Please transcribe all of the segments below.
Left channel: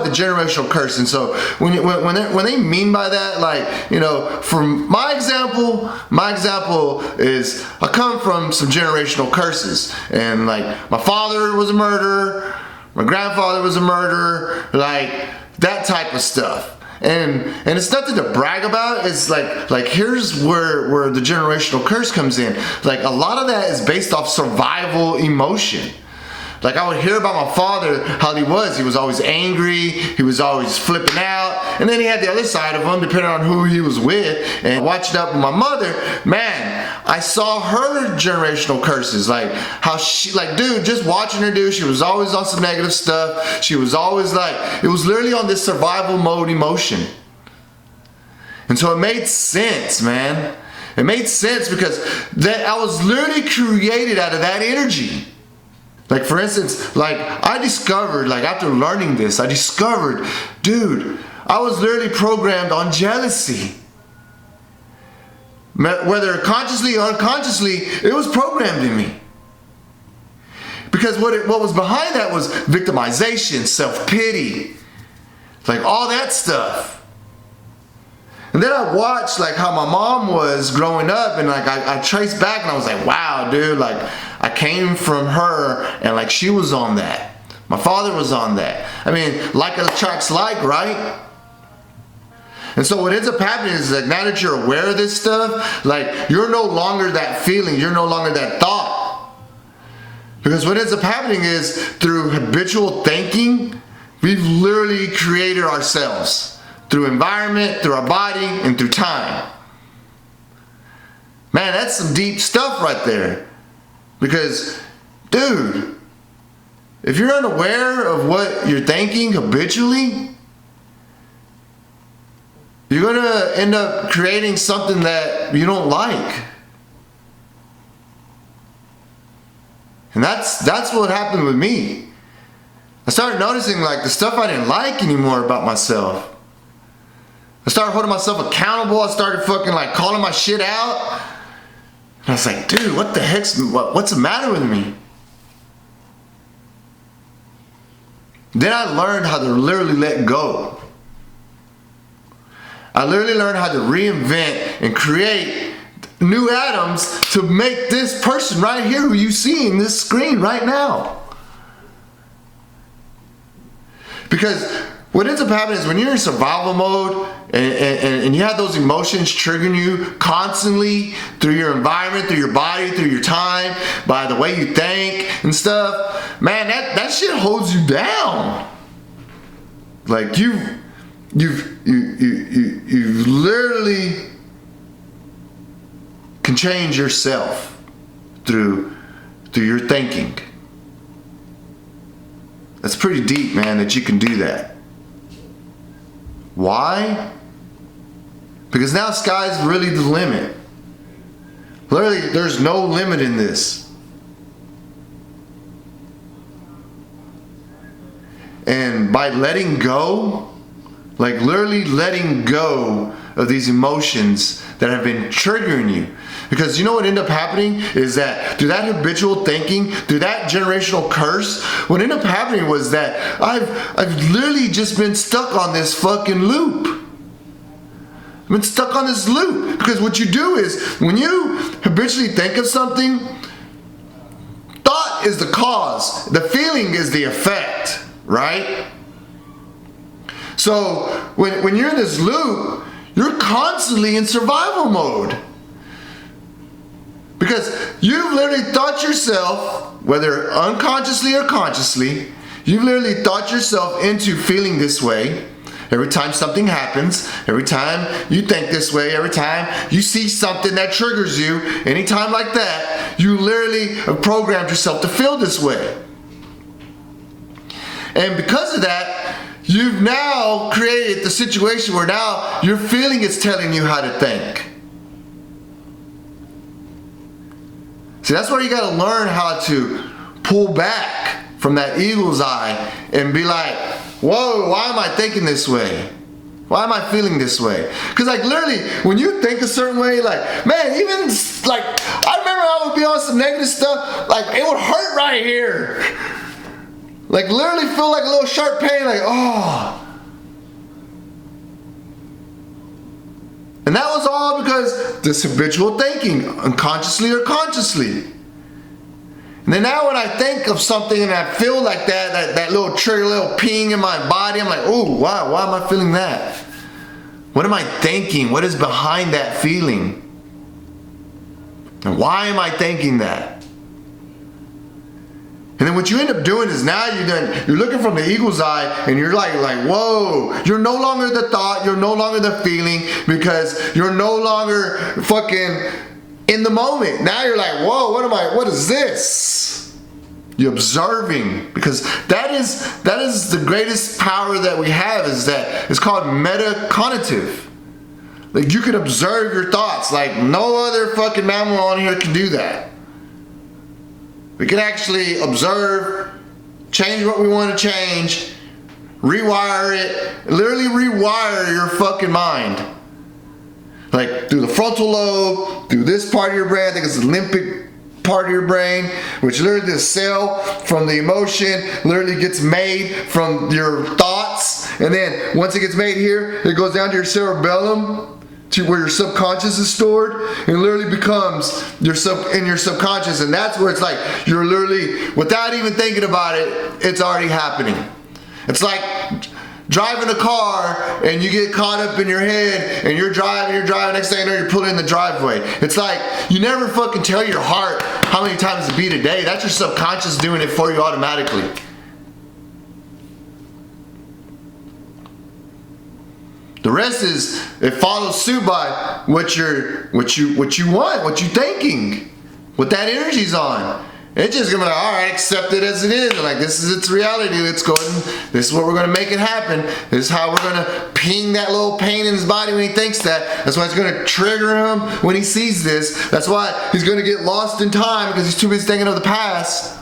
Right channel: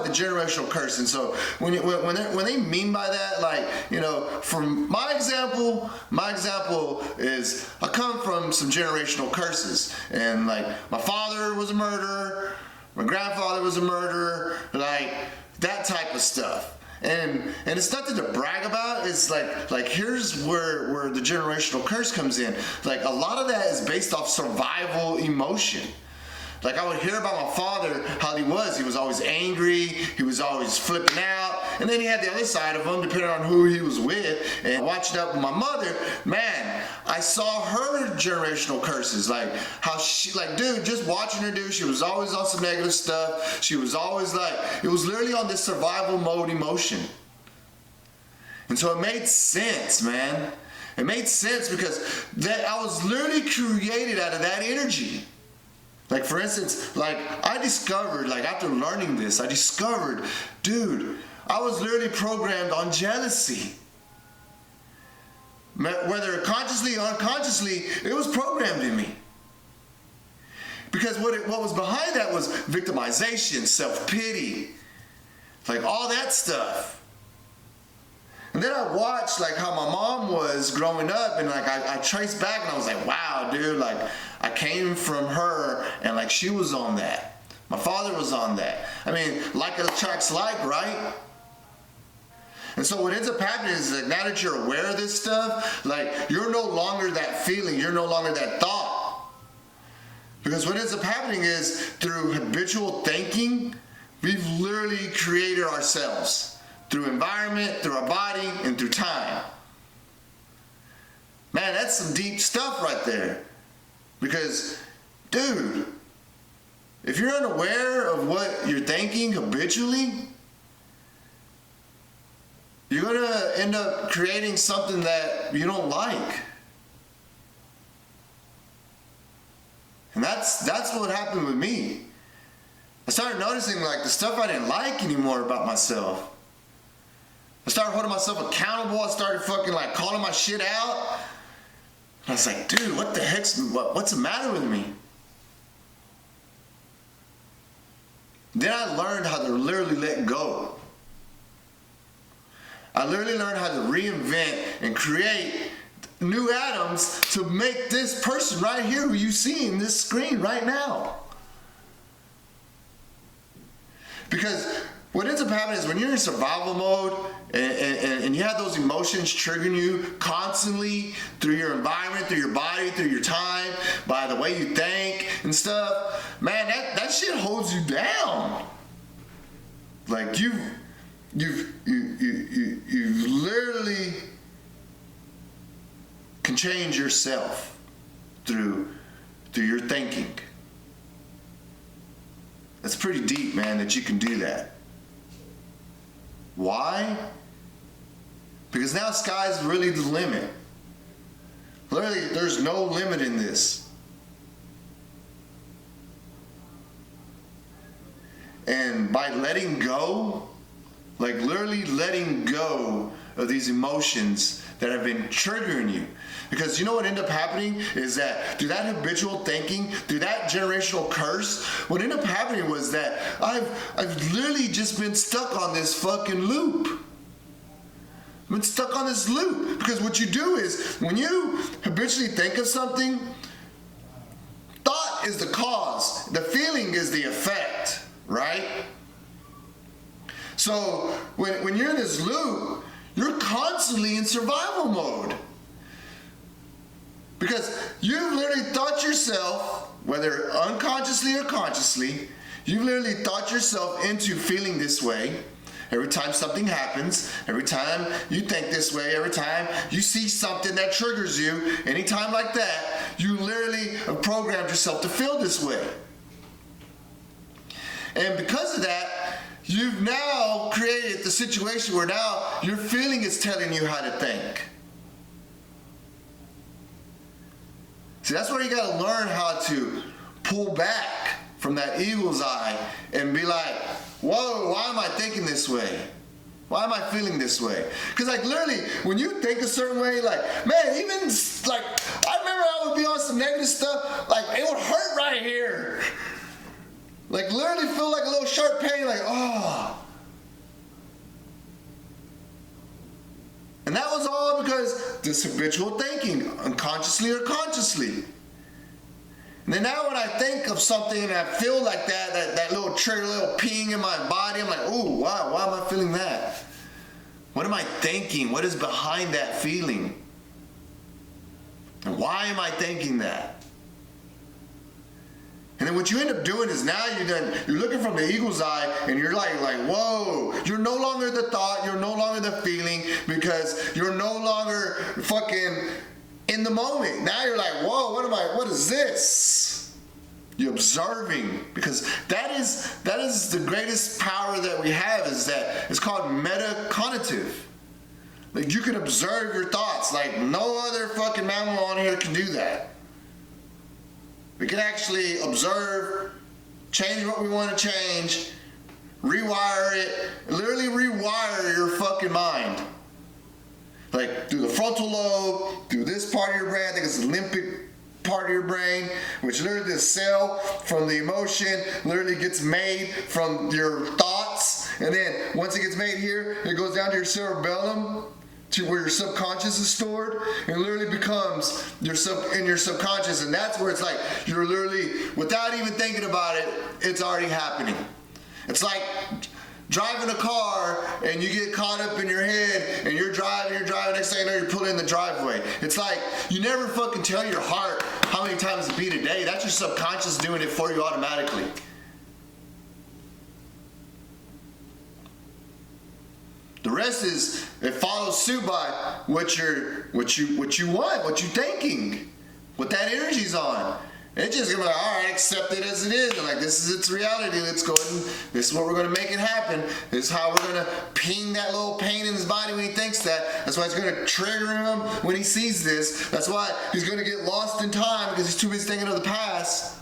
about the generational curse. And so when they mean by that, like, you know, from my example is I come from some generational curses. And like, my father was a murderer, my grandfather was a murderer, like that type of stuff. And it's nothing to brag about. It's like here's where the generational curse comes in. Like, a lot of that is based off survival emotion. Like, I would hear about my father, how he was always angry, he was always flipping out, and then he had the other side of him, depending on who he was with. And watching up with my mother, man, I saw her generational curses, like how she, like, dude, just watching her, dude, she was always on some negative stuff. She was always like, it was literally on this survival mode emotion. And so it made sense, man. It made sense because that I was literally created out of that energy. Like, for instance, like, I discovered, like, after learning this, I discovered, dude, I was literally programmed on jealousy. Whether consciously or unconsciously, it was programmed in me. Because what was behind that was victimization, self-pity, like all that stuff. And then I watched like how my mom was growing up, and like I traced back and I was like, wow, dude, like I came from her, and like she was on that. My father was on that. I mean, like attracts like, right? And so what ends up happening is that now that you're aware of this stuff, like you're no longer that feeling, you're no longer that thought. Because what ends up happening is through habitual thinking, we've literally created ourselves through environment, through our body, and through time. Man, that's some deep stuff right there. Because, dude, if you're unaware of what you're thinking habitually, you're gonna end up creating something that you don't like. And that's what happened with me. I started noticing like the stuff I didn't like anymore about myself. I started holding myself accountable. I started fucking like calling my shit out. And I was like, dude, what the what's the matter with me? Then I learned how to literally let go. I literally learned how to reinvent and create new atoms to make this person right here who you see in this screen right now. Because what ends up happening is when you're in survival mode and you have those emotions triggering you constantly through your environment, through your body, through your time, by the way you think and stuff, man, that shit holds you down. Like you've literally can change yourself through your thinking. That's pretty deep, man, that you can do that. Why? Because now sky's really the limit. Literally, there's no limit in this. And by letting go, like literally letting go of these emotions that have been triggering you. Because you know what ended up happening is that through that habitual thinking, through that generational curse, what ended up happening was that I've literally just been stuck on this fucking loop. I've been stuck on this loop. Because what you do is, when you habitually think of something, thought is the cause, the feeling is the effect, right? So when you're in this loop, you're constantly in survival mode. Because you've literally thought yourself, whether unconsciously or consciously, you've literally thought yourself into feeling this way. Every time something happens, every time you think this way, every time you see something that triggers you, anytime like that, you literally have programmed yourself to feel this way. And because of that, you've now created the situation where now your feeling is telling you how to think. See, that's where you gotta learn how to pull back from that eagle's eye and be like, whoa, why am I thinking this way? Why am I feeling this way? Because like literally, when you think a certain way, like, man, even like, I remember I would be on some negative stuff, like it would hurt right here. Like literally feel like a little sharp pain, like, oh. this habitual thinking, unconsciously or consciously. And then now when I think of something and I feel like that little trigger, little ping in my body, I'm like, oh, why am I feeling that? What am I thinking? What is behind that feeling? And why am I thinking that? And then what you end up doing is now you're looking from the eagle's eye and you're like, whoa, you're no longer the thought, you're no longer the feeling, because you're no longer fucking in the moment. Now you're like, whoa, what is this? You're observing, because that is the greatest power that we have, is that it's called metacognitive. Like, you can observe your thoughts like no other fucking mammal on here can do that. We can actually observe, change what we want to change, rewire it, literally rewire your fucking mind. Like through the frontal lobe, through this part of your brain, I think it's the limbic part of your brain, which literally the cell from the emotion literally gets made from your thoughts. And then once it gets made here, it goes down to your cerebellum, to where your subconscious is stored, and literally becomes in your subconscious. And that's where it's like you're literally, without even thinking about it, it's already happening. It's like driving a car and you get caught up in your head and you're driving, next thing you know, you're pulling in the driveway. It's like you never fucking tell your heart how many times to beat a day. That's your subconscious doing it for you automatically. The rest is, it follows suit by what you want, what you're thinking, what that energy's on. It's just gonna be like, all right, accept it as it is. Like, this is its reality. Let's go ahead and this is what we're gonna make it happen. This is how we're gonna ping that little pain in his body when he thinks that. That's why it's gonna trigger him when he sees this. That's why he's gonna get lost in time, because he's too busy thinking of the past.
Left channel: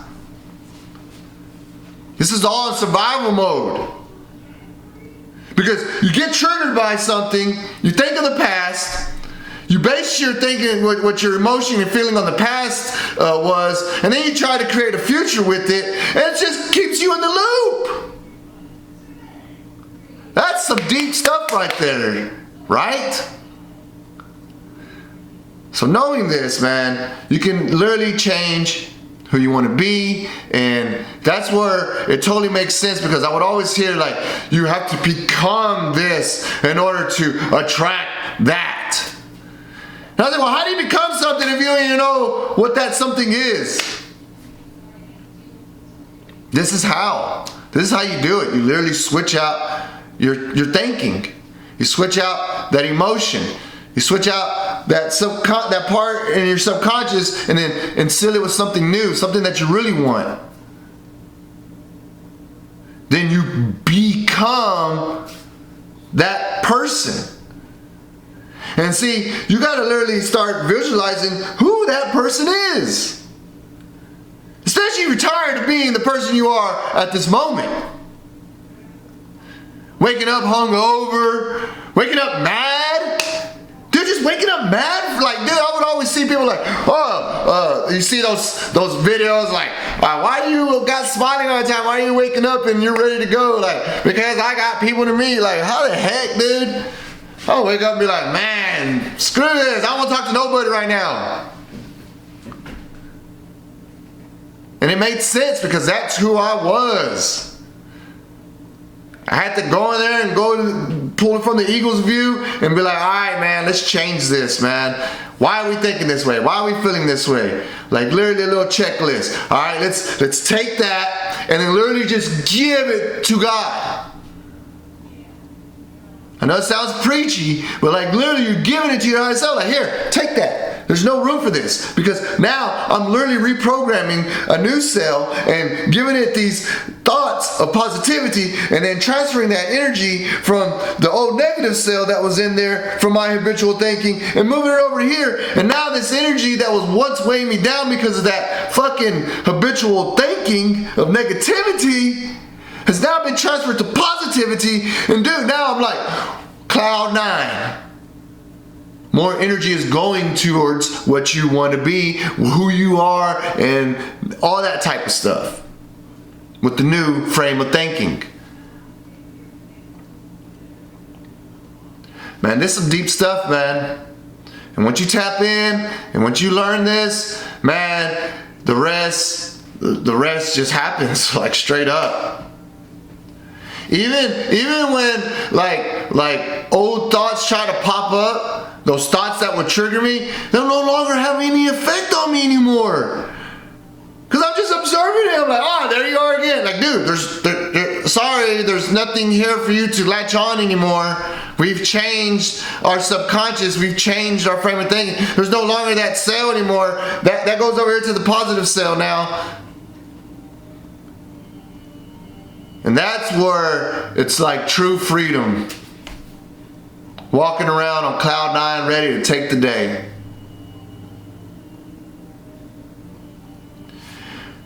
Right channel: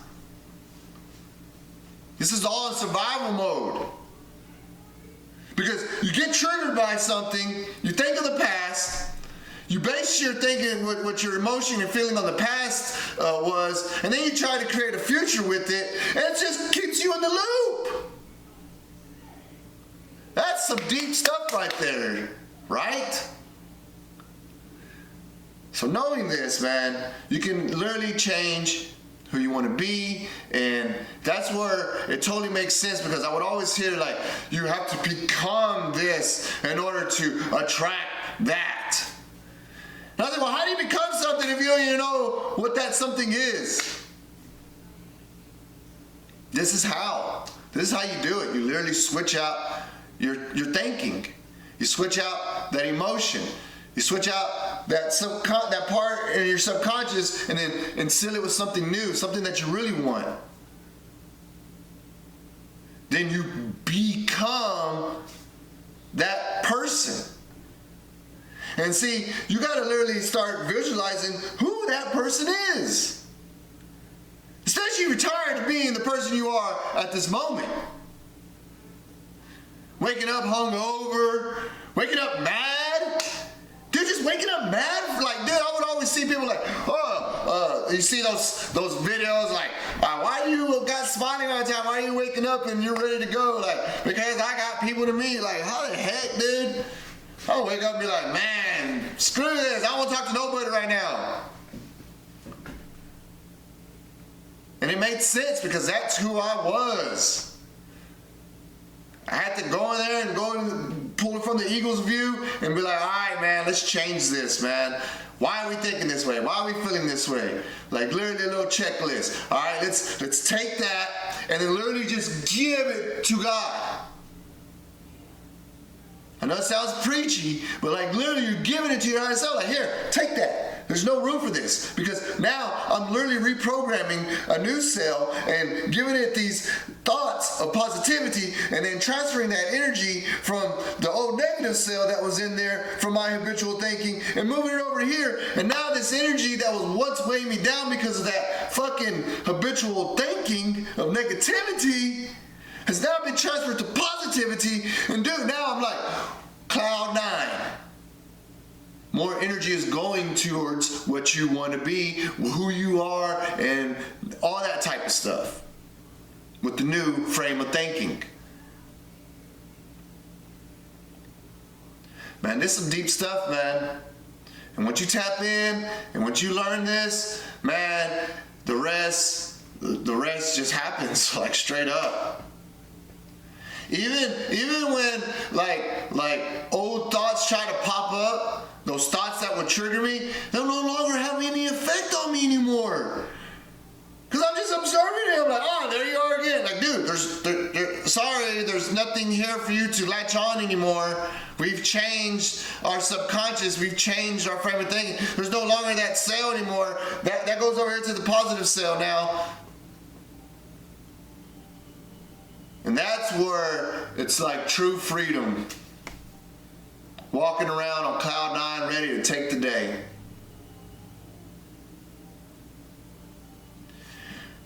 This is all in survival mode. Because you get triggered by something, you think of the past, you base your thinking, what your emotion and feeling on the past was, and then you try to create a future with it, and it just keeps you in the loop. That's some deep stuff right there, right? So knowing this, man, you can literally change who you want to be, and that's where it totally makes sense, because I would always hear like, you have to become this in order to attract that. And I was like, well, how do you become something if you don't even know what that something is? This is how you do it. You literally switch out your thinking. You switch out that emotion. You switch out that part in your subconscious, and then instill it with something new, something that you really want. Then you become that person. And see, you gotta literally start visualizing who that person is. Especially if you're tired of being the person you are at this moment. Waking up hungover, waking up mad. Dude, just waking up mad? Like, dude, I would always see people like, you see those videos like, why do you got smiling all the time? Why are you waking up and you're ready to go? Like, because I got people to meet. Like, how the heck, dude? I'll wake up and be like, man, screw this. I don't want to talk to nobody right now. And it made sense, because that's who I was. I had to go in there and go pull it from the eagle's view and be like, all right, man, let's change this, man. Why are we thinking this way? Why are we feeling this way? Like, literally a little checklist. All right, let's take that and then literally just give it to God. I know it sounds preachy, but like literally you're giving it to your higher self. Like, here, take that. There's no room for this, because now I'm literally reprogramming a new cell and giving it these thoughts of positivity, and then transferring that energy from the old negative cell that was in there from my habitual thinking and moving it over here. And now this energy that was once weighing me down because of that fucking habitual thinking of negativity has now been transferred to positivity. And dude, now I'm like cloud 9. More energy is going towards what you want to be, who you are, and all that type of stuff with the new frame of thinking. Man, this is some deep stuff, man. And once you tap in, and once you learn this, man, the rest just happens, like straight up. Even when like old thoughts try to pop up, those thoughts that would trigger me, they'll no longer have any effect on me anymore. Cause I'm just observing it. I'm like, oh, there you are again. Like, dude, sorry, there's nothing here for you to latch on anymore. We've changed our subconscious. We've changed our frame of thinking. There's no longer that cell anymore. That goes over here to the positive cell now. And that's where it's like true freedom. Walking around on cloud nine, ready to take the day.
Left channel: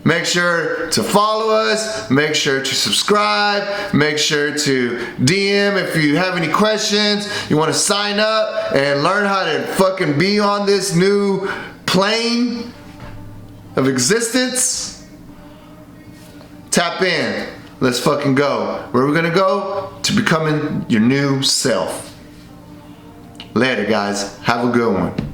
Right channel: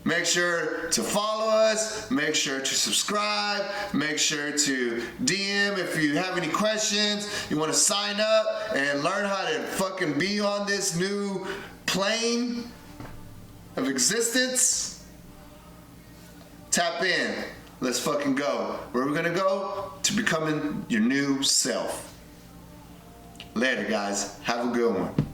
Make sure to follow us, make sure to subscribe, make sure to DM if you have any questions, you want to sign up and learn how to fucking be on this new plane of existence. Tap in. Let's fucking go. Where are we gonna go? To becoming your new self. Later, guys. Have a good one.